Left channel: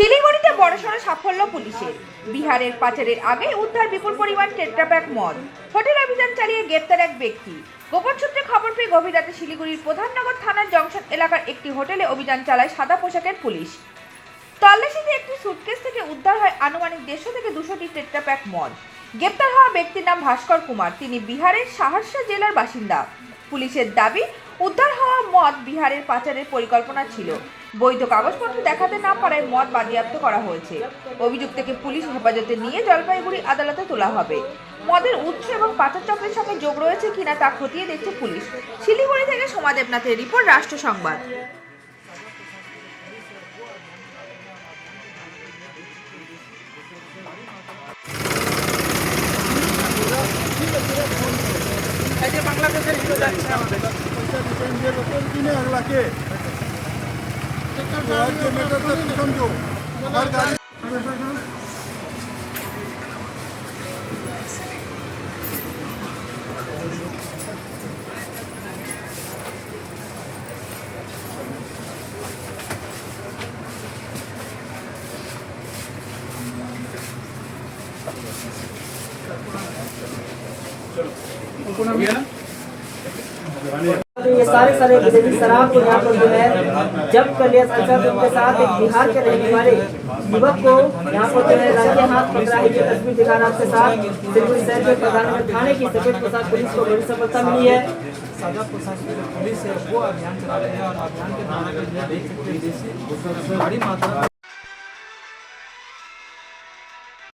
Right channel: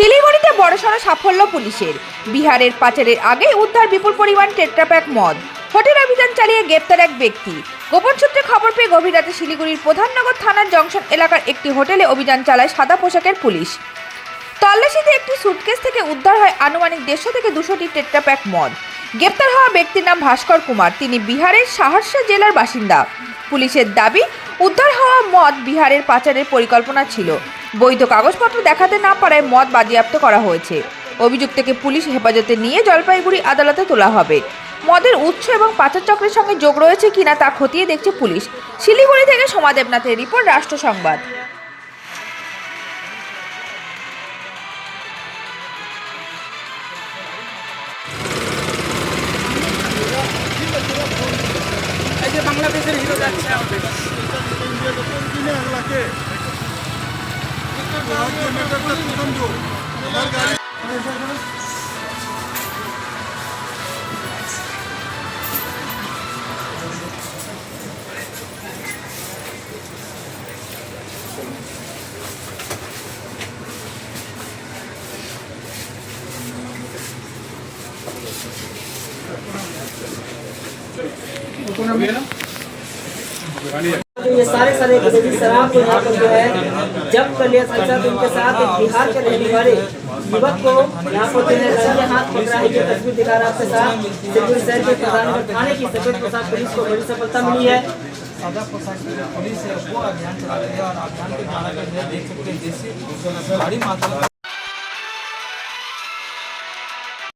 শিলিগুড়িতে বড়সড় সাফল্য পুলিশের। বিহারের পাচারের আগে উদ্ধার বিপুল পরিমাণ টেট্রাপ্যাক মদ। হোটেল অভিযান চালিয়ে গ্রেপ্তার এক ব্যক্তি। গোপন সূত্রে খবর পেয়ে গভীর রাতে শিলিগুড়ির প্রধাননগর থানার জংশন এলাকার একটি হোটেলে অভিযান চালায় সাদা পোশাকের পুলিশ। তল্লাশিতে একটি সুটকেস থেকে উদ্ধার হয় আনুমানিক 150 থেকে 200টি টেট্রাপ্যাক মদ। গ্রেপ্তার হওয়া ব্যক্তির নাম ভাস্কর কুমার। তিনি বিহারের সাহারসা জেলার বাসিন্দা। পুলিশের দাবি, উদ্ধার হওয়া মদ বিহারের পাচারের পরিকল্পনা ছিল। বৈধ কাগজপত্র দেখাতে না পারায় মদ বাজেয়াপ্ত করা হয়েছে। অভিযুক্তকে পুলিশ হেফাজতে নিয়ে জলপাইগুড়ি আদালতে তোলা হবে। মদের উৎস এবং পাচার চক্রের সঙ্গে যোগ রয়েছে কিনা তা খতিয়ে দেখছে পুলিশ। শিলিগুড়ি থেকে সোমা দেবনাথের রিপোর্ট, রাষ্ট্র সংবাদ। বাংলাদেশের হিরো যাচ্ছে तो ये सारे शराब को यहाँ पर जो है जब्त कर लिया था। उनके साथ एक बिहार के रहने वाले युवक को यहाँ पर जो है राज्य हाथ पकड़ा है। जो तस्वीर दिखा रहा आपके साथ शिवपुरी शहर के प्रधाननगर थाने की सफेद पोशाक पुलिस को बड़ी सफलता मिली है। सादा पोशाक पुलिस है वो अभियान चला रही है और अभियान के दौरान देख सकते हैं भारी मात्रा